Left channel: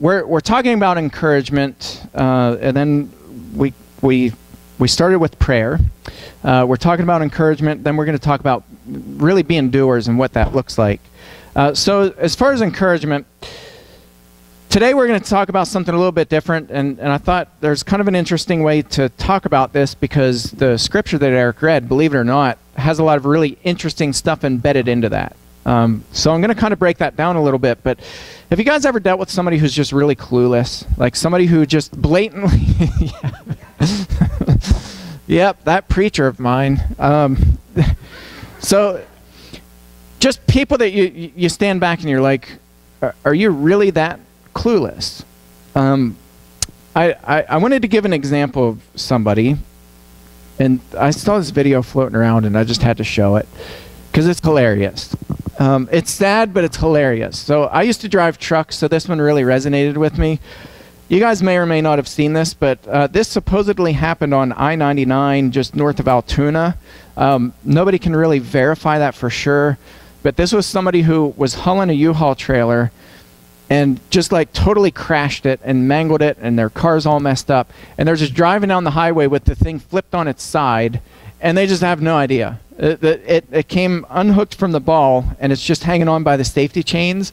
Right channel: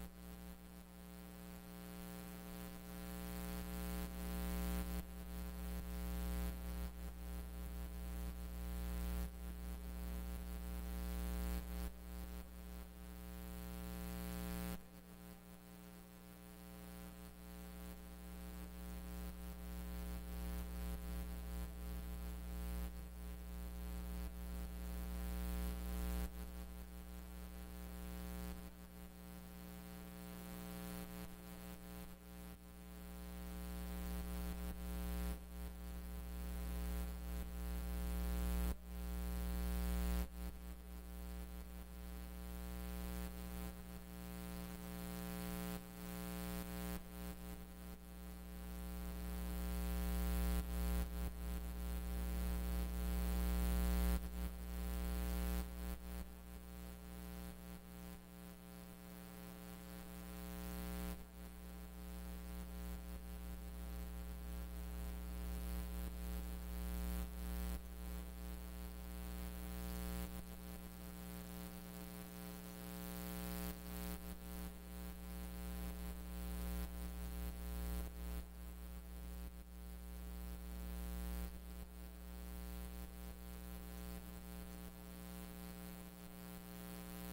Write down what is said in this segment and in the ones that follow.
we're talking about encouragement, and then we started with prayer. We're talking about encouragement. Then we're going to talk about really being doers and what that looks like. So as far as encouragement, today we're going to talk about something a little bit different, and I thought there's kind of an interesting way to talk about this because the scripture that Eric read, believe it or not, has a lot of really interesting stuff embedded into that. So I'm going to kind of break that down a little bit, but have you guys ever dealt with somebody who's just really clueless? Like somebody who just blatantly... Yep, that preacher of mine. So just people that you stand back and you're like, are you really that clueless? I wanted to give an example of somebody, and I saw this video floating around and I just had to show it because it's hilarious. It's sad, but it's hilarious. So I used to drive trucks, so this one really resonated with me. You guys may or may not have seen this, but this supposedly happened on I-99 just north of Altoona. Nobody can really verify that for sure, but this was somebody who was hauling a U-Haul trailer and just like totally crashed it and mangled it, and their car's all messed up. And they're just driving down the highway with the thing flipped on its side, and they just have no idea. It came unhooked from the ball, and it's just hanging on by the safety chains.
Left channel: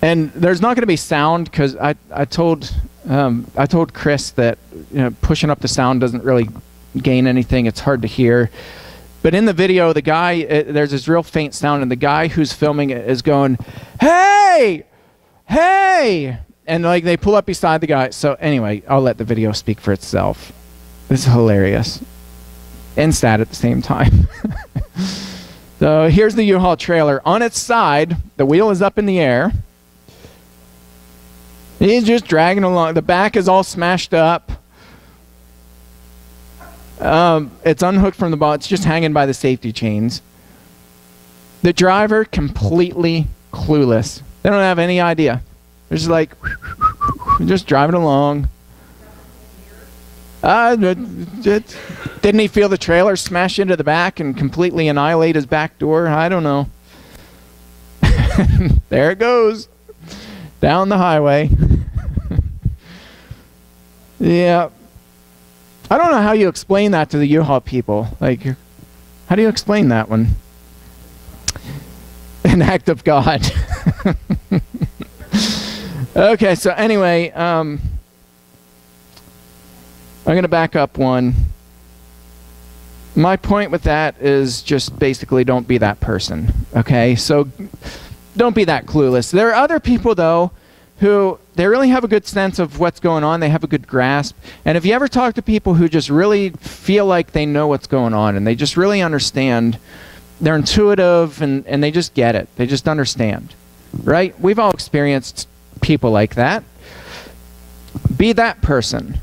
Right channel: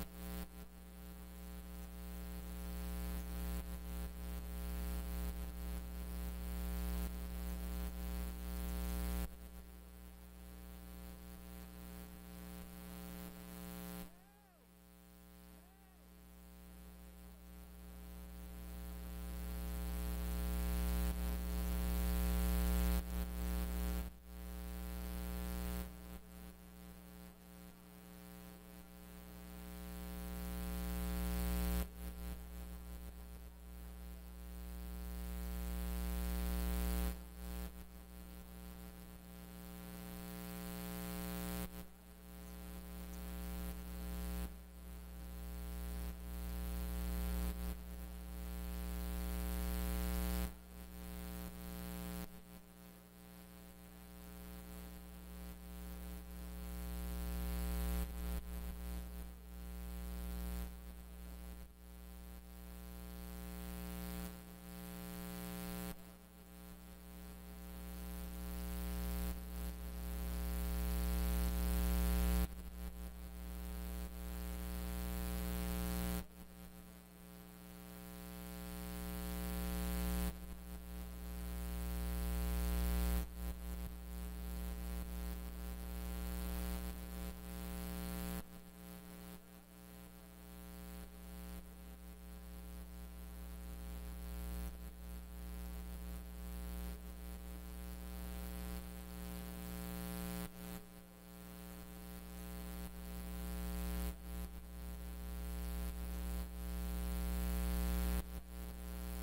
And there's not going to be sound because I told Chris that pushing up the sound doesn't really gain anything. It's hard to hear. But in the video, the guy there's this real faint sound, and the guy who's filming it is going, "Hey, hey!" And like they pull up beside the guy. So anyway, I'll let the video speak for itself. This is hilarious and sad at the same time. So here's the U-Haul trailer on its side. The wheel is up in the air. He's just dragging along. The back is all smashed up. It's unhooked from the ball. It's just hanging by the safety chains. The driver, completely clueless. They don't have any idea. They're just like, just driving along. Didn't he feel the trailer smash into the back and completely annihilate his back door? I don't know. There it goes. Down the highway. Yeah. I don't know how you explain that to the U-Haul people. Like, how do you explain that one? An act of God. Okay, so anyway, I'm going to back up one. My point with that is just basically don't be that person. Okay, so don't be that clueless. There are other people, though, who they really have a good sense of what's going on. They have a good grasp. And if you ever talk to people who just really feel like they know what's going on and they just really understand, they're intuitive and they just get it. They just understand, right? We've all experienced people like that. Be that person.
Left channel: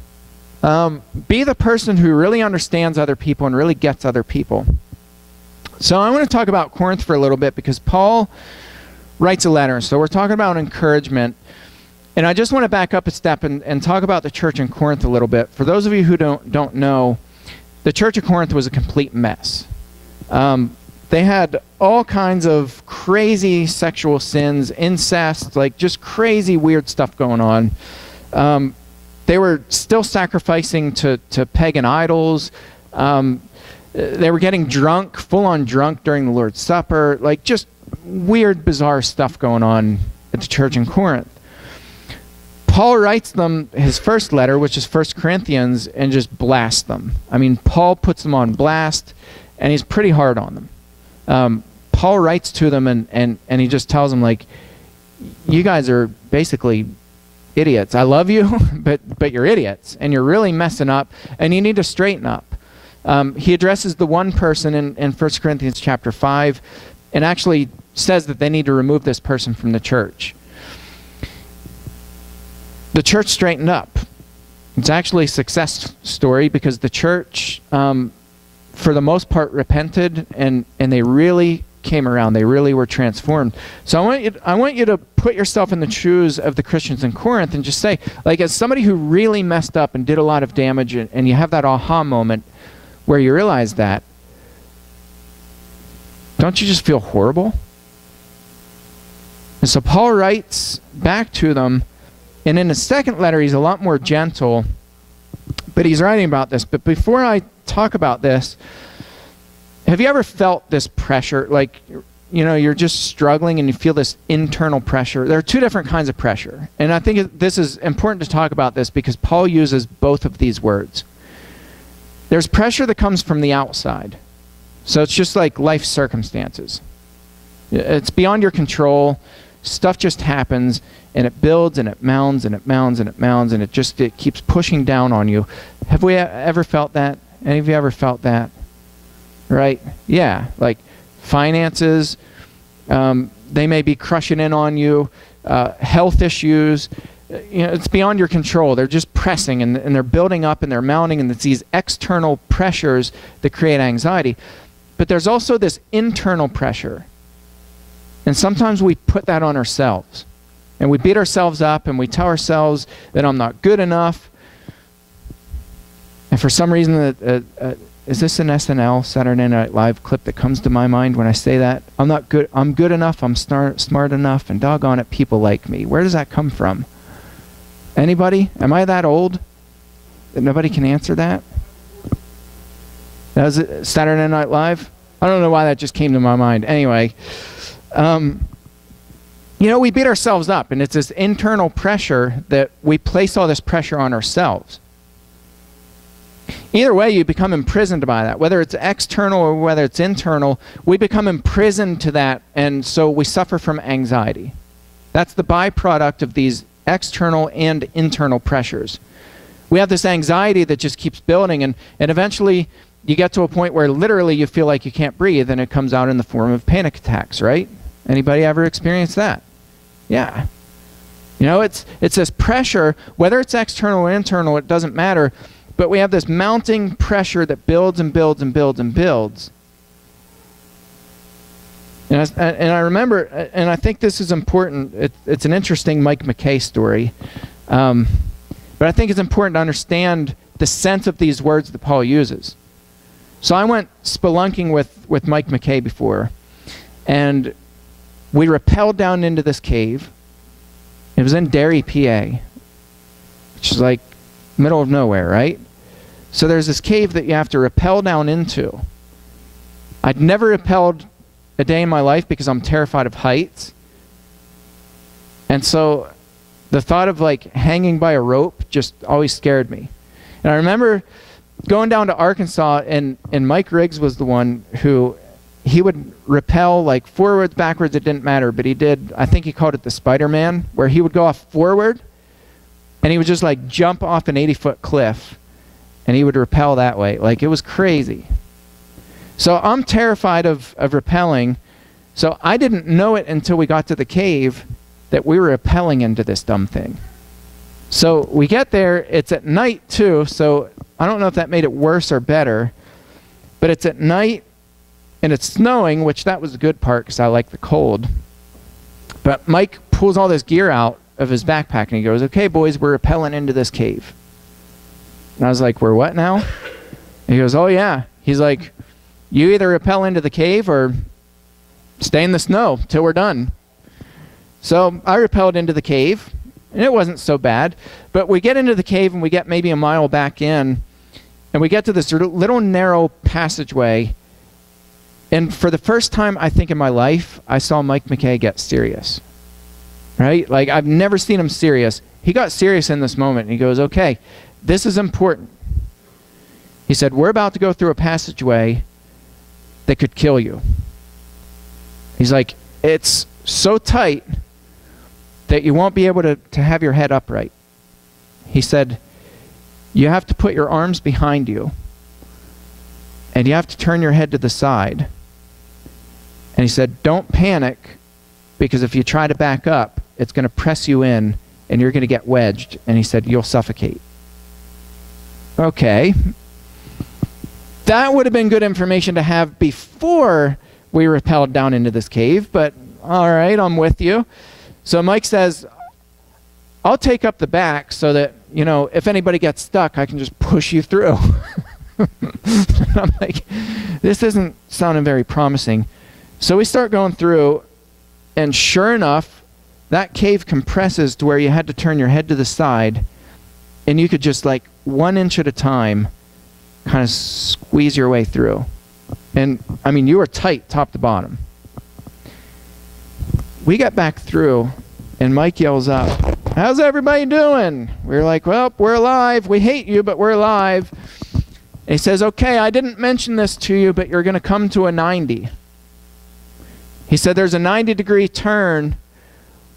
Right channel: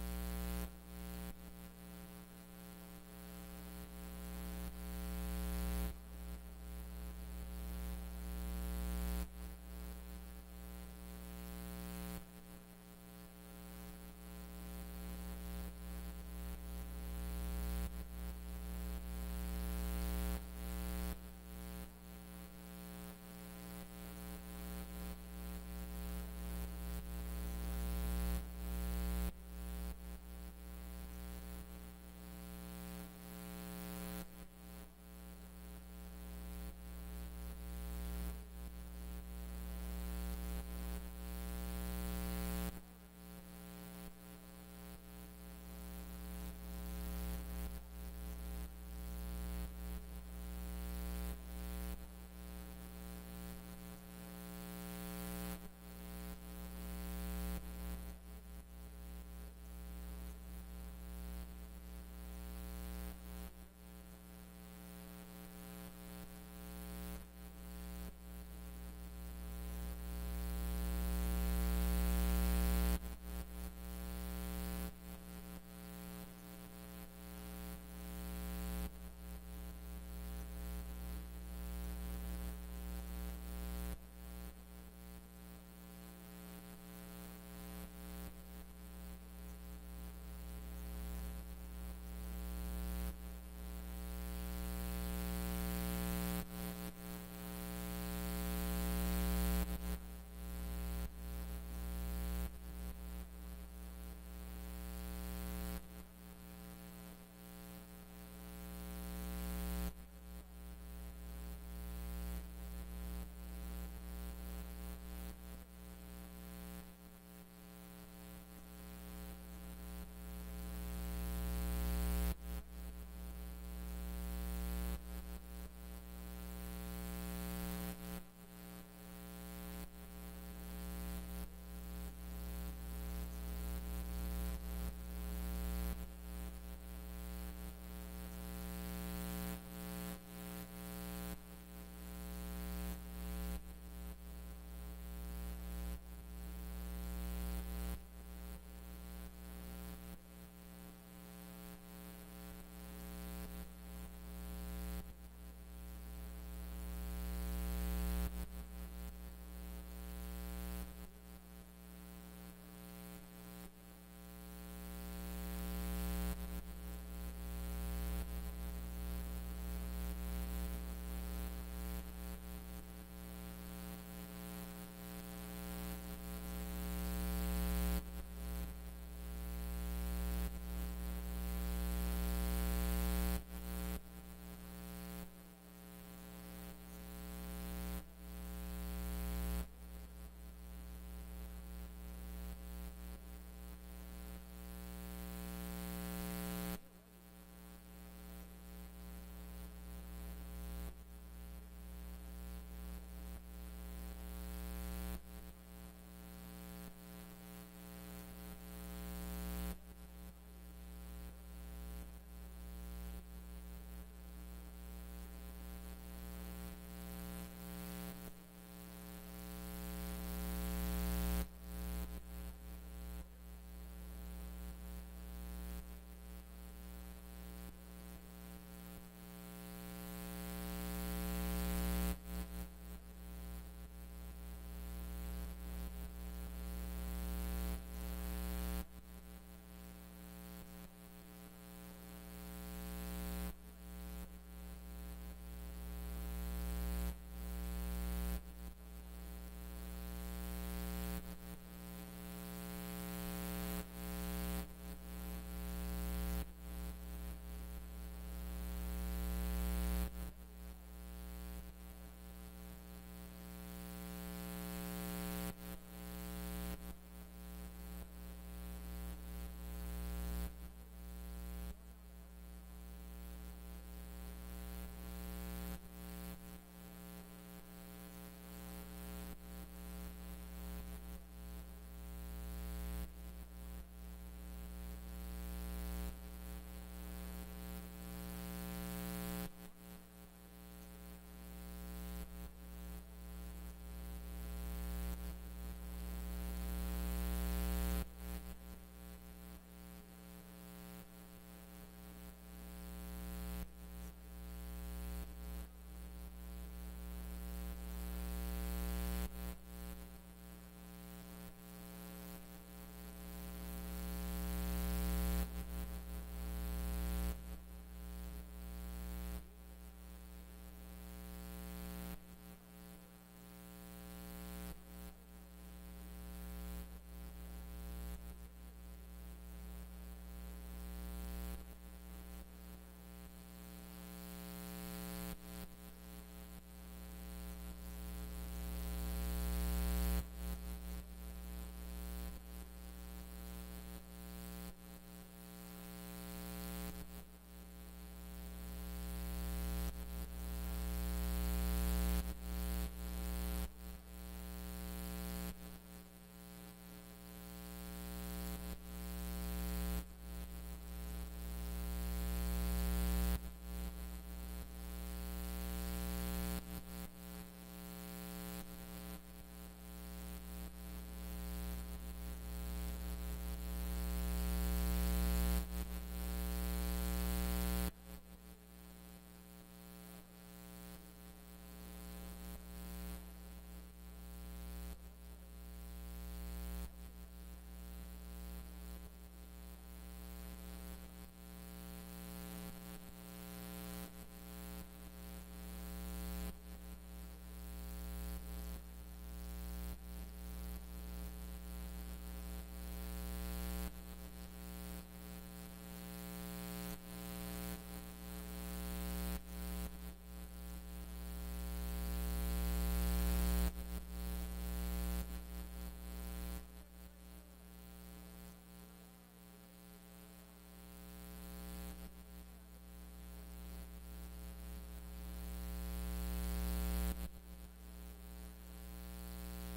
Be the person who really understands other people and really gets other people. So I want to talk about Corinth for a little bit because Paul writes a letter. So we're talking about encouragement. And I just want to back up a step and talk about the church in Corinth a little bit. For those of you who don't know, the church of Corinth was a complete mess. They had all kinds of crazy sexual sins, incest, like just crazy weird stuff going on. They were still sacrificing to pagan idols. They were getting drunk, full-on drunk during the Lord's Supper, like just weird, bizarre stuff going on at the church in Corinth. Paul writes them his first letter, which is 1 Corinthians, and just blasts them. I mean, Paul puts them on blast, and he's pretty hard on them. Paul writes to them, and he just tells them, like, you guys are basically idiots. I love you, but you're idiots, and you're really messing up, and you need to straighten up. He addresses the one person in 1 Corinthians chapter 5, and actually says that they need to remove this person from the church. The church straightened up. It's actually a success story because the church, for the most part, repented and they really came around. They really were transformed. So I want you to put yourself in the shoes of the Christians in Corinth and just say, like, as somebody who really messed up and did a lot of damage, and you have that aha moment where you realize that, don't you just feel horrible? And so Paul writes back to them, And in the second letter, he's a lot more gentle, but he's writing about this. But before I talk about this, have you ever felt this pressure? Like, you're just struggling and you feel this internal pressure. There are two different kinds of pressure. And I think this is important to talk about this because Paul uses both of these words. There's pressure that comes from the outside. So it's just like life circumstances. It's beyond your control. Stuff just happens, and it builds, and it mounds, and it mounds, and it mounds, and it keeps pushing down on you. Have we ever felt that? Any of you ever felt that? Right? Yeah. Like finances, they may be crushing in on you. Health issues. It's beyond your control. They're just pressing, and they're building up, and they're mounting, and it's these external pressures that create anxiety. But there's also this internal pressure. And sometimes we put that on ourselves. And we beat ourselves up, and we tell ourselves that I'm not good enough. And for some reason, is this an SNL, Saturday Night Live clip that comes to my mind when I say that? I'm not good. I'm good enough. I'm smart enough. And doggone it, people like me. Where does that come from? Anybody? Am I that old that nobody can answer that? That was it, Saturday Night Live? I don't know why that just came to my mind. Anyway, we beat ourselves up, and it's this internal pressure that we place all this pressure on ourselves. Either way, you become imprisoned by that. Whether it's external or whether it's internal, we become imprisoned to that, and so we suffer from anxiety. That's the byproduct of these external and internal pressures. We have this anxiety that just keeps building, and eventually you get to a point where literally you feel like you can't breathe, and it comes out in the form of panic attacks, right? Anybody ever experienced that? Yeah. It's this pressure, whether it's external or internal, it doesn't matter, but we have this mounting pressure that builds and builds and builds and builds. And I remember, and I think this is important, it's an interesting Mike McKay story, but I think it's important to understand the sense of these words that Paul uses. So I went spelunking with Mike McKay before, and we rappelled down into this cave. It was in Derry, PA, which is like middle of nowhere, right? So there's this cave that you have to rappel down into. I'd never rappelled a day in my life because I'm terrified of heights. And so the thought of like hanging by a rope just always scared me. And I remember going down to Arkansas, and Mike Riggs was the one who, he would rappel like forwards, backwards, it didn't matter, but he did, I think he called it the Spider-Man, where he would go off forward, and he would just like jump off an 80-foot cliff, and he would rappel that way. Like, it was crazy. So I'm terrified of rappelling, so I didn't know it until we got to the cave that we were rappelling into this dumb thing. So we get there, it's at night too, so I don't know if that made it worse or better, but it's at night and it's snowing, which that was the good part because I like the cold. But Mike pulls all this gear out of his backpack and he goes, "Okay, boys, we're rappelling into this cave." And I was like, "We're what now?" And he goes, "Oh yeah." He's like, "You either rappel into the cave or stay in the snow till we're done." So I rappelled into the cave, and it wasn't so bad. But we get into the cave, and we get maybe a mile back in, and we get to this little narrow passageway. And for the first time, I think, in my life, I saw Mike McKay get serious. Right? Like, I've never seen him serious. He got serious in this moment, and he goes, "Okay, this is important." He said, "We're about to go through a passageway that could kill you." He's like, "It's so tight that you won't be able to have your head upright." He said, "You have to put your arms behind you, and you have to turn your head to the side." And he said, "Don't panic, because if you try to back up, it's going to press you in, and you're going to get wedged." And he said, "You'll suffocate." Okay. That would have been good information to have before we rappelled down into this cave, but all right, I'm with you. So Mike says, "I'll take up the back so that, if anybody gets stuck, I can just push you through." I'm like, this isn't sounding very promising. So we start going through, and sure enough, that cave compresses to where you had to turn your head to the side, and you could just, like, 1 inch at a time kind of squeeze your way through. And, I mean, you were tight top to bottom. We got back through, and Mike yells up, "How's everybody doing?" We're like, "Well, we're alive. We hate you, but we're alive." And he says, "Okay, I didn't mention this to you, but you're going to come to a 90. He said, "There's a 90-degree turn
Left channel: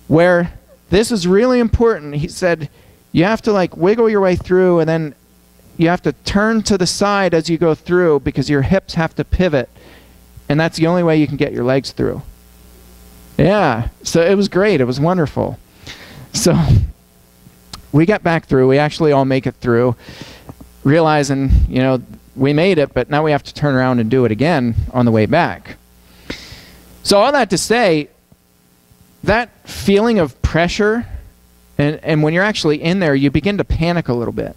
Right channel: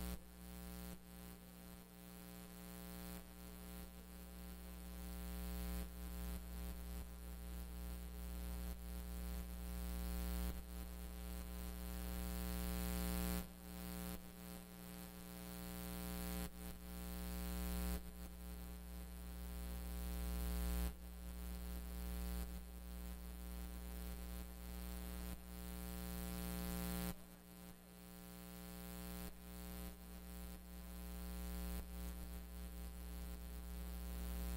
where this is really important." He said, "You have to, like, wiggle your way through, and then you have to turn to the side as you go through because your hips have to pivot, and that's the only way you can get your legs through." Yeah, so it was great. It was wonderful. So we got back through. We actually all make it through, realizing, you know, we made it, but now we have to turn around and do it again on the way back. So all that to say, that feeling of pressure, and when you're actually in there, you begin to panic a little bit.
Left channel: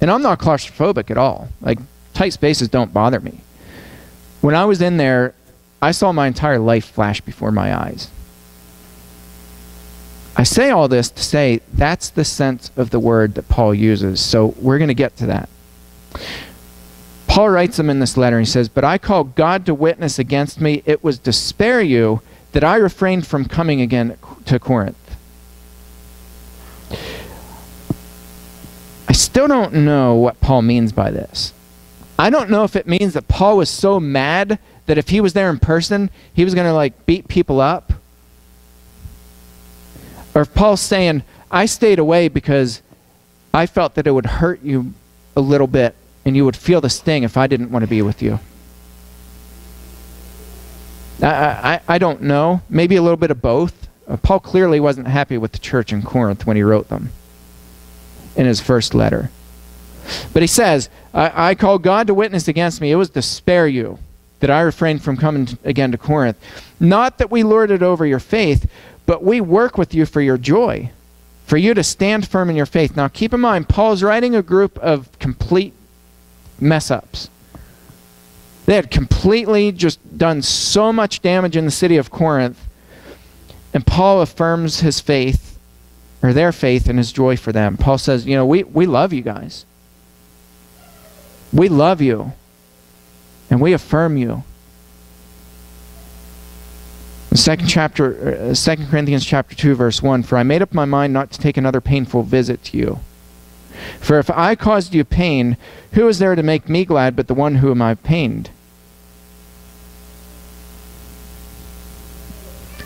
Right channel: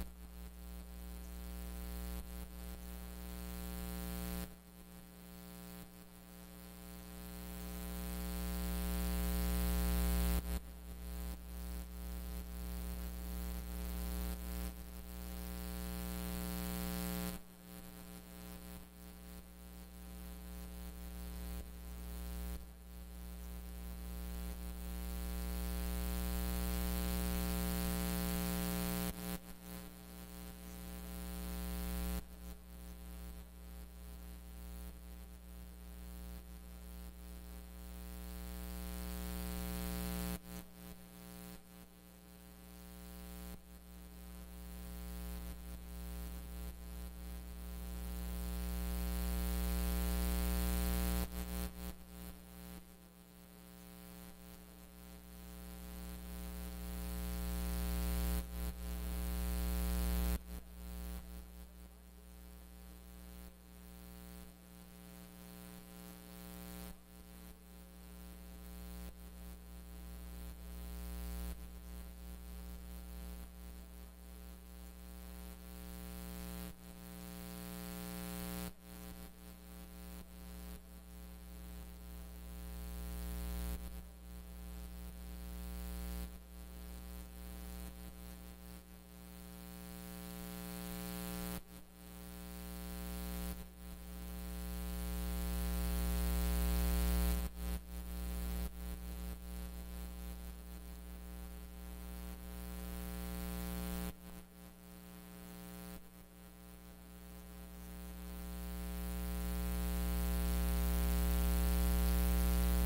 And I'm not claustrophobic at all. Like, tight spaces don't bother me. When I was in there, I saw my entire life flash before my eyes. I say all this to say that's the sense of the word that Paul uses. So we're going to get to that. Paul writes them in this letter. He says, "But I call God to witness against me. It was to spare you that I refrained from coming again to Corinth." I still don't know what Paul means by this. I don't know if it means that Paul was so mad that if he was there in person, he was going to, like, beat people up. Or if Paul's saying, "I stayed away because I felt that it would hurt you a little bit and you would feel the sting if I didn't want to be with you." I don't know. Maybe a little bit of both. Paul clearly wasn't happy with the church in Corinth when he wrote them in his first letter. But he says, I call God to witness against me. It was to spare you that I refrained from coming again to Corinth. Not that we lorded over your faith, but we work with you for your joy, for you to stand firm in your faith. Now keep in mind, Paul's writing a group of complete mess-ups. They had completely just done so much damage in the city of Corinth, and Paul affirms his faith, or their faith, and his joy for them. Paul says, you know, we love you guys. We love you, and we affirm you. In 2 Corinthians chapter 2, verse 1, "For I made up my mind not to take another painful visit to you. For if I caused you pain, who is there to make me glad but the one whom I pained?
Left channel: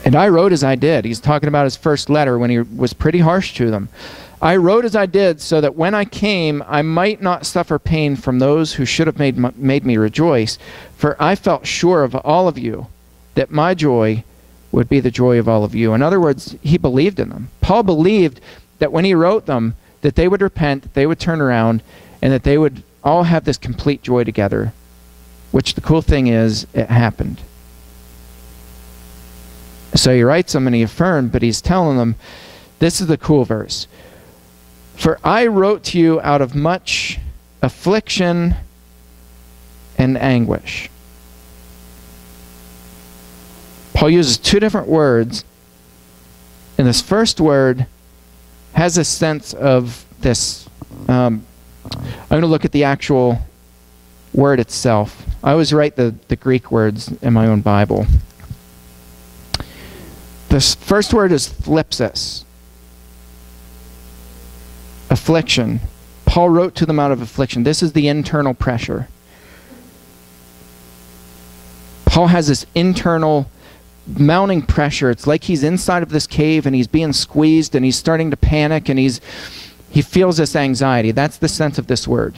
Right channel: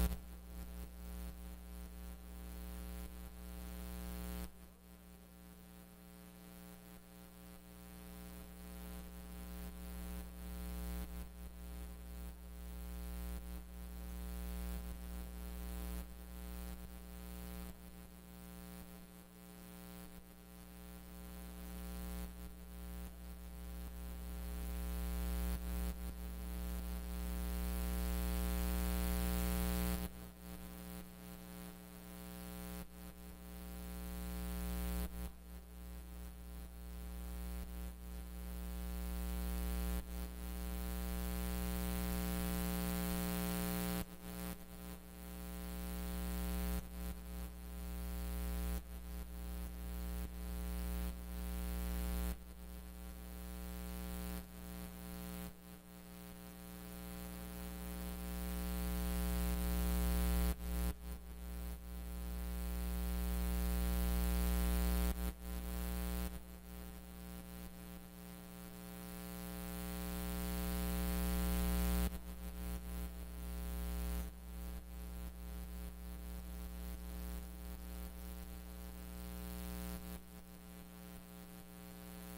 And I wrote as I did." He's talking about his first letter when he was pretty harsh to them. "I wrote as I did so that when I came, I might not suffer pain from those who should have made me rejoice. For I felt sure of all of you that my joy would be the joy of all of you." In other words, he believed in them. Paul believed that when he wrote them, that they would repent, that they would turn around, and that they would all have this complete joy together, which the cool thing is, it happened. So he writes them and he affirmed, but he's telling them, this is the cool verse. "For I wrote to you out of much affliction and anguish." Paul uses two different words, and this first word has a sense of this. I'm going to look at the actual word itself. I always write the Greek words in my own Bible. This first word is thlipsis, affliction. Paul wrote to them out of affliction. This is the internal pressure. Paul has this internal mounting pressure. It's like he's inside of this cave and he's being squeezed and he's starting to panic and he feels this anxiety. That's the sense of this word.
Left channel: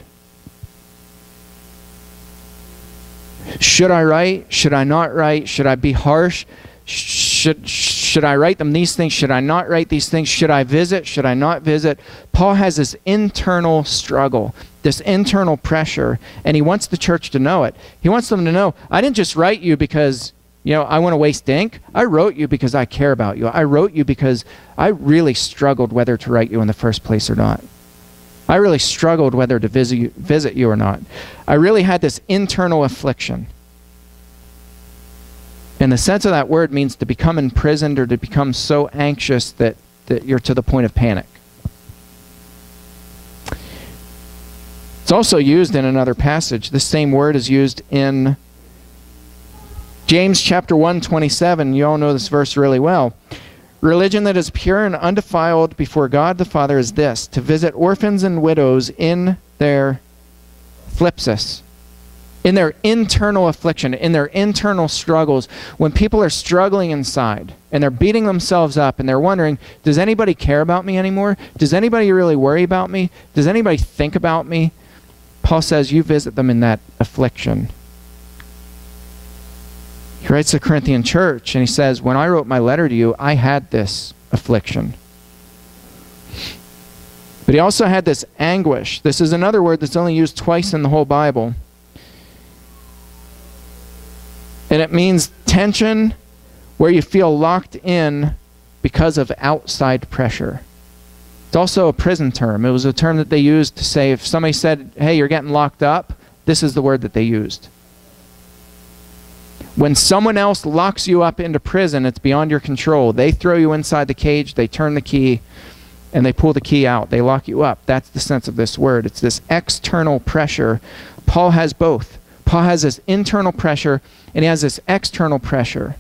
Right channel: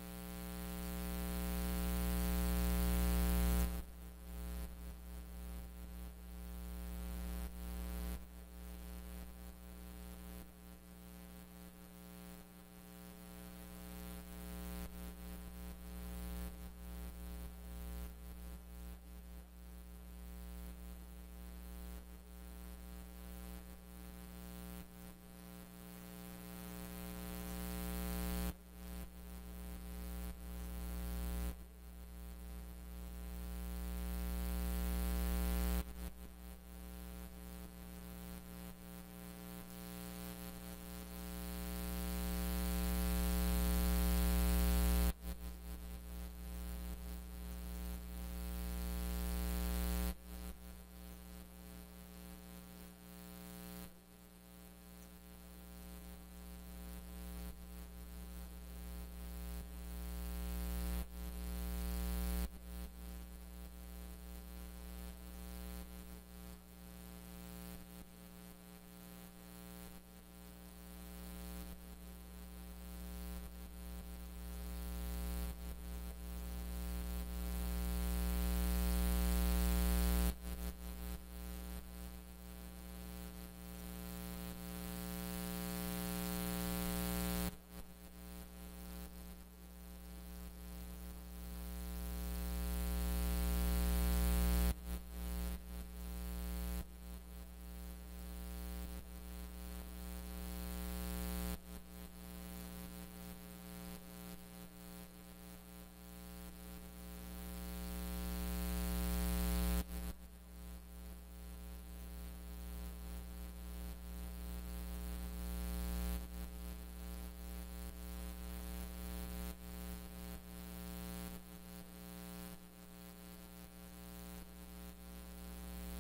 Should I write? Should I not write? Should I be harsh? Should I write them these things? Should I not write these things? Should I visit? Should I not visit? Paul has this internal struggle, this internal pressure, and he wants the church to know it. He wants them to know, I didn't just write you because, you know, I want to waste ink. I wrote you because I care about you. I wrote you because I really struggled whether to write you in the first place or not. I really struggled whether to visit you or not. I really had this internal affliction. And the sense of that word means to become imprisoned or to become so anxious that you're to the point of panic. It's also used in another passage. The same word is used in James chapter 1:27. You all know this verse really well. Religion that is pure and undefiled before God the Father is this, to visit orphans and widows in their thlipsis, in their internal affliction, in their internal struggles. When people are struggling inside and they're beating themselves up and they're wondering, does anybody care about me anymore? Does anybody really worry about me? Does anybody think about me? Paul says you visit them in that affliction. He writes to the Corinthian church and he says, when I wrote my letter to you, I had this affliction. But he also had this anguish. This is another word that's only used twice in the whole Bible. And it means tension where you feel locked in because of outside pressure. It's also a prison term. It was a term that they used to say if somebody said, hey, you're getting locked up, this is the word that they used. When someone else locks you up into prison, it's beyond your control. They throw you inside the cage, they turn the key, and they pull the key out. They lock you up. That's the sense of this word. It's this external pressure. Paul has both. Paul has this internal pressure, and he has this external pressure.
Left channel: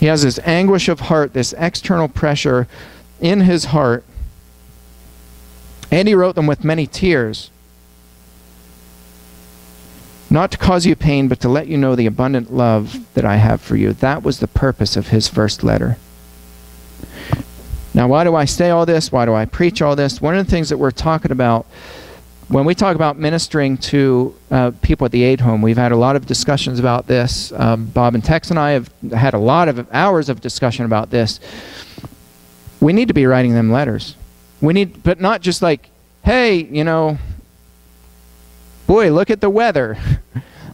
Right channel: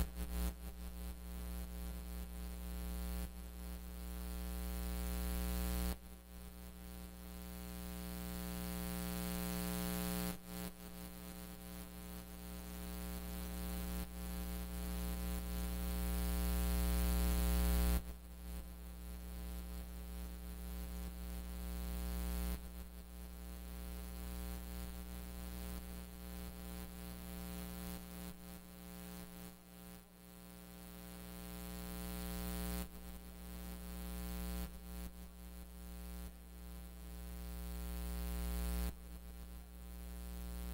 He has this anguish of heart, this external pressure in his heart. And he wrote them with many tears. Not to cause you pain, but to let you know the abundant love that I have for you. That was the purpose of his first letter. Now, why do I say all this? Why do I preach all this? One of the things that we're talking about, when we talk about ministering to people at the aid home, we've had a lot of discussions about this. Bob and Tex and I have had a lot of hours of discussion about this. We need to be writing them letters. We need, but not just like, hey, you know, boy, look at the weather,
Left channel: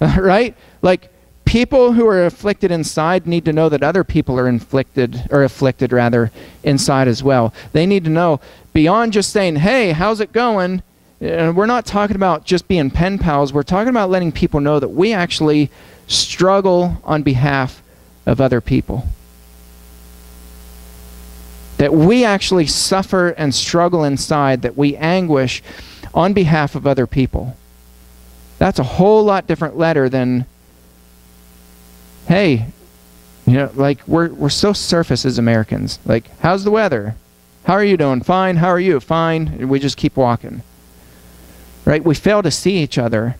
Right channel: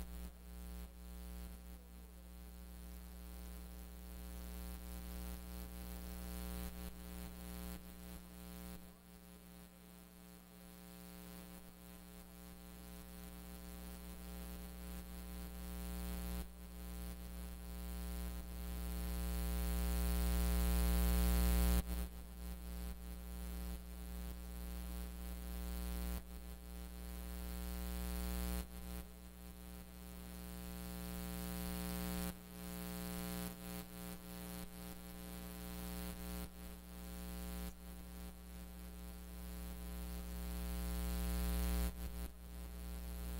right? Like, people who are afflicted inside need to know that other people are afflicted rather, inside as well. They need to know, beyond just saying, hey, how's it going? We're not talking about just being pen pals. We're talking about letting people know that we actually struggle on behalf of other people. That we actually suffer and struggle inside, that we anguish on behalf of other people. That's a whole lot different letter than, hey, you know, like we're so surface as Americans. Like, how's the weather? How are you doing? Fine. How are you? Fine. And we just keep walking. Right? We fail to see each other.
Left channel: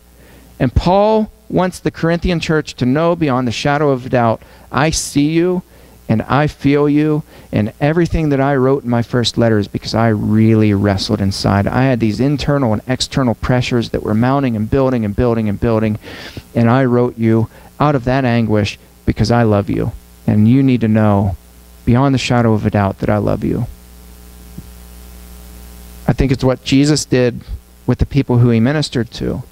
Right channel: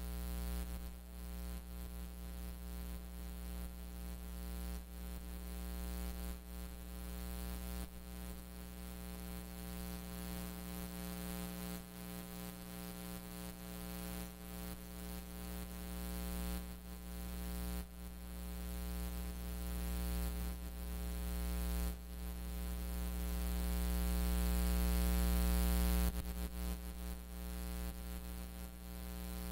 And Paul wants the Corinthian church to know beyond the shadow of a doubt, I see you and I feel you, and everything that I wrote in my first letter is because I really wrestled inside. I had these internal and external pressures that were mounting and building and building and building, and I wrote you out of that anguish because I love you. And you need to know beyond the shadow of a doubt that I love you. I think it's what Jesus did with the people who he ministered to,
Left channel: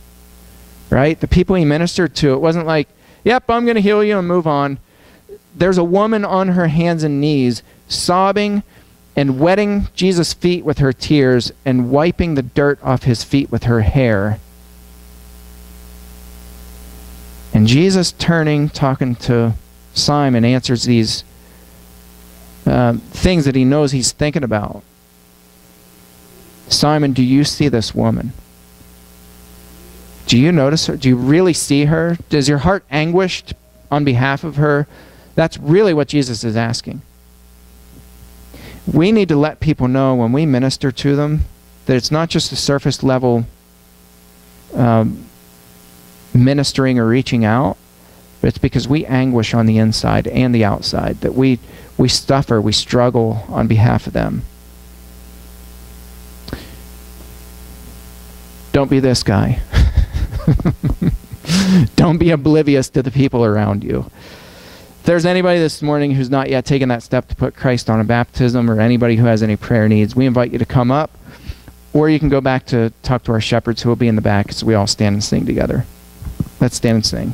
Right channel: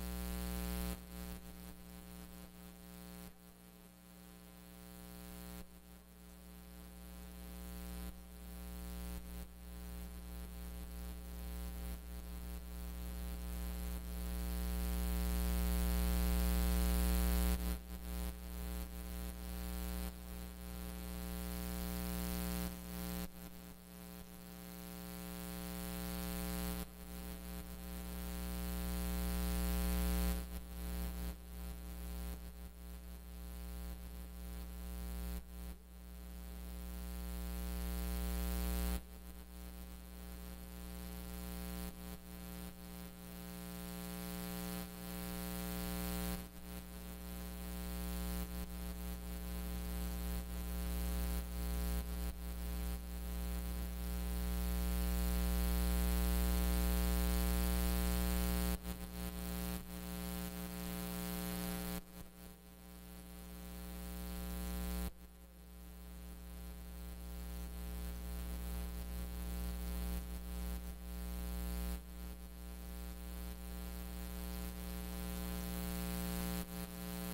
right? The people he ministered to, it wasn't like, yep, I'm going to heal you and move on. There's a woman on her hands and knees sobbing and wetting Jesus' feet with her tears and wiping the dirt off his feet with her hair. And Jesus turning, talking to Simon, answers these things that he knows he's thinking about. Simon, do you see this woman? Do you notice her? Do you really see her? Does your heart anguished on behalf of her? That's really what Jesus is asking. We need to let people know when we minister to them that it's not just a surface level ministering or reaching out, but it's because we anguish on the inside and the outside, that we suffer, we struggle on behalf of them. Don't be this guy. Don't be oblivious to the people around you. If there's anybody this morning who's not yet taken that step to put Christ on a baptism, or anybody who has any prayer needs, we invite you to come up, or you can go back to talk to our shepherds who will be in the back as we all stand and sing together. Let's stand and sing.